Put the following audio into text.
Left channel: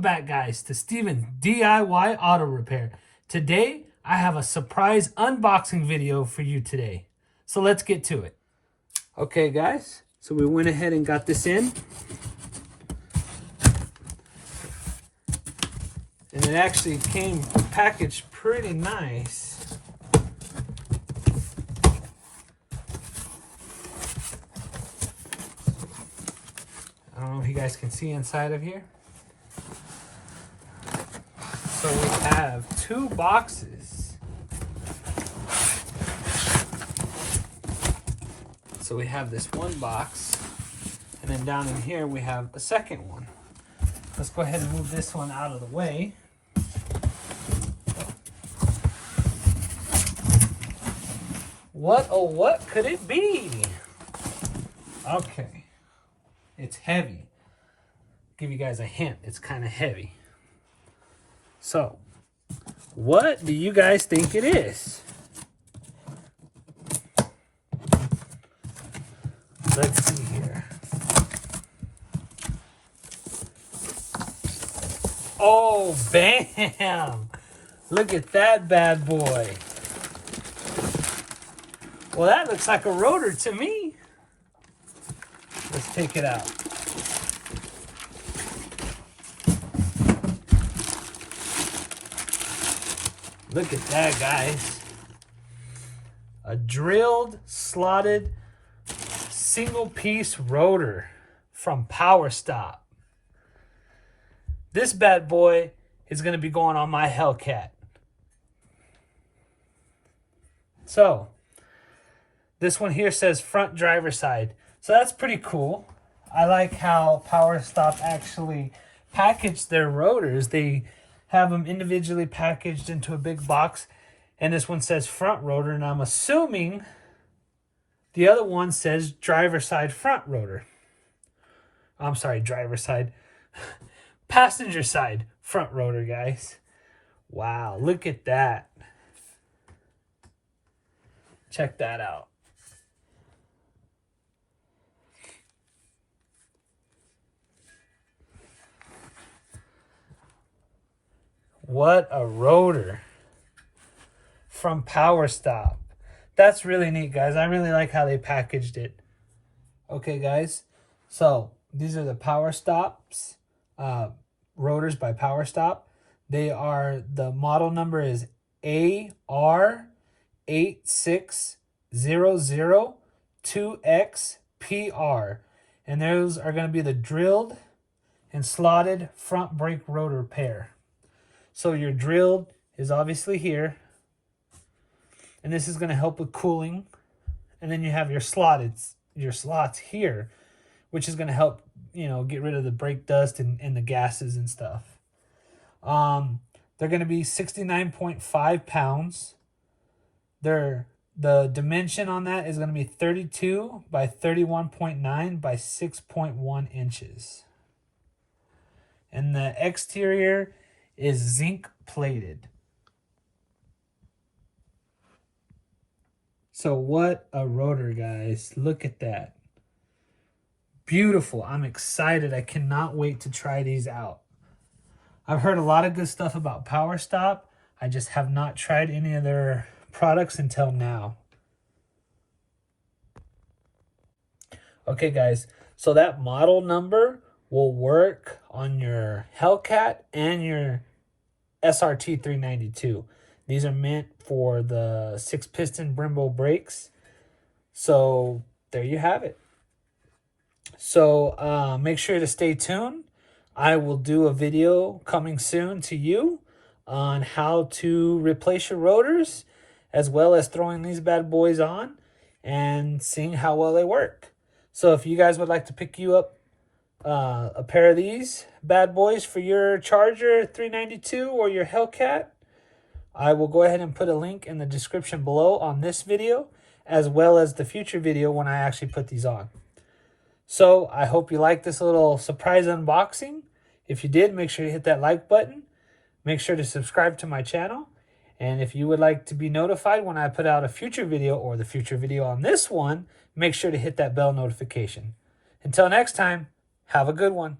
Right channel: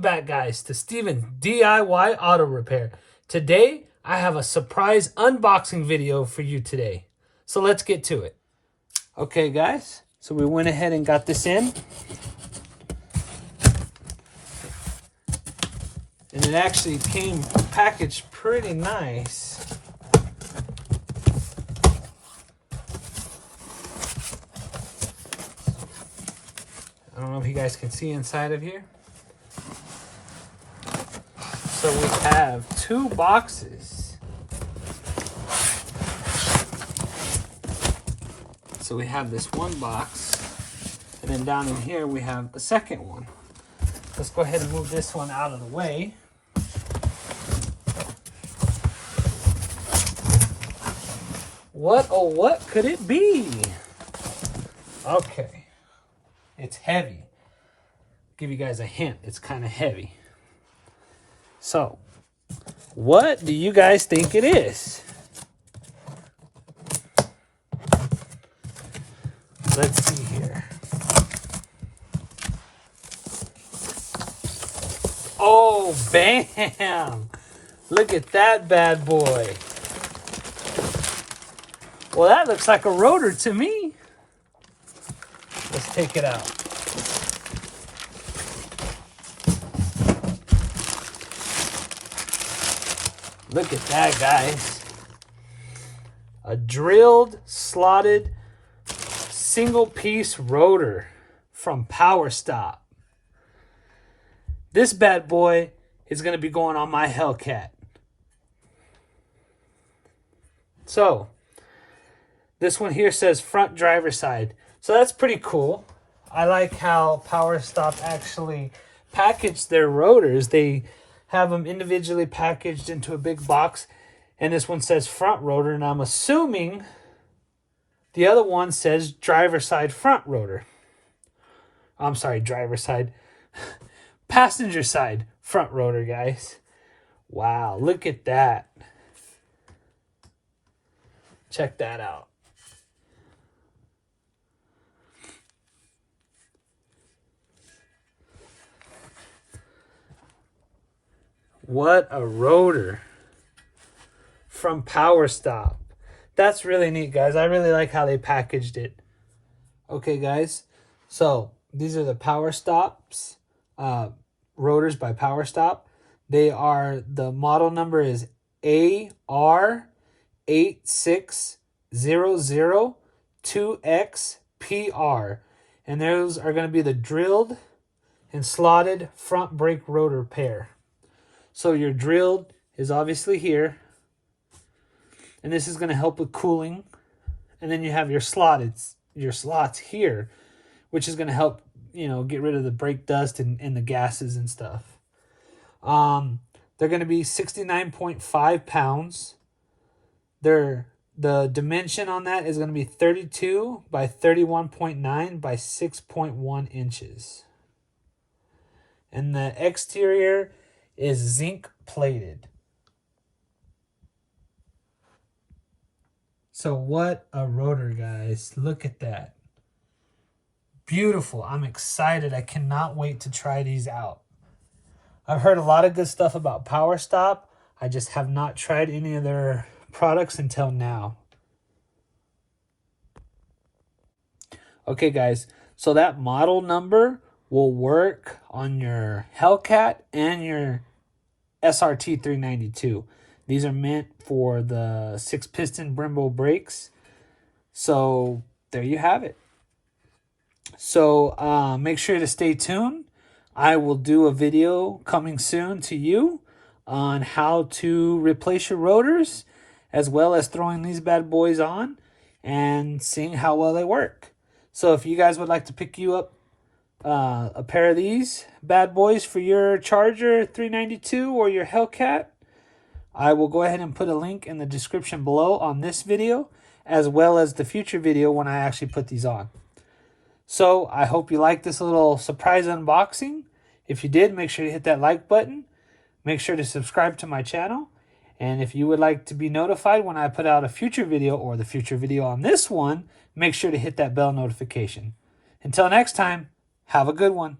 Welcome back, guys, to Steven's DIY Auto Repair. Today, I have a surprise unboxing video for you today. So let's get to it. Okay, guys, so we went ahead and got this in. And it actually came packaged pretty nice. I don't know if you guys can see inside of here. So we have 2 boxes. So we have this one box, and then down in here we have a second one. Let's go ahead and move this one out of the way. What could it be? Okay, it's heavy. Give you guys a hint, it's kind of heavy. So, what do you guys think it is? Let's see here. Oh, bam! Look at that bad boy. Well, that looks like a rotor to me. Let's take it out. Look at that, guys. A drilled, slotted, single-piece rotor from Power Stop. This bad boy is going to be going on my Hellcat. So, this one here says front driver side. So that's pretty cool. I like how Power Stop actually packaged their rotors. They have them individually packaged into a big box, and this one says front rotor, and I'm assuming the other one says driver side front rotor. I'm sorry, driver side. Passenger side front rotor, guys. Wow, look at that. Check that out. What a rotor from Power Stop. That's really neat, guys. I really like how they packaged it. Okay, guys. So these are the Power Stops rotors by Power Stop. The model number is AR86002XPR. And those are going to be the drilled and slotted front brake rotor pair. So your drilled is obviously here, and this is going to help with cooling. And then you have your slots here, which is going to help, get rid of the brake dust and the gases and stuff. They're going to be 69.5 pounds. The dimension on that is going to be 32 by 31.9 by 6.1 inches. And the exterior is zinc plated. So what a rotor, guys. Look at that. Beautiful. I'm excited. I cannot wait to try these out. I've heard a lot of good stuff about Power Stop. I just have not tried any of their products until now. Okay, guys. So that model number will work on your Hellcat and your SRT 392. These are meant for the 6-piston Brembo brakes. So there you have it. So make sure to stay tuned. I will do a video coming soon to you on how to replace your rotors, as well as throwing these bad boys on and seeing how well they work. So if you guys would like to pick you up a pair of these bad boys for your Charger 392 or your Hellcat, I will go ahead and put a link in the description below on this video, as well as the future video when I actually put these on. So I hope you liked this little surprise unboxing. If you did, make sure to hit that like button. Make sure to subscribe to my channel. And if you would like to be notified when I put out a future video or the future video on this one, make sure to hit that bell notification. Until next time, have a good one.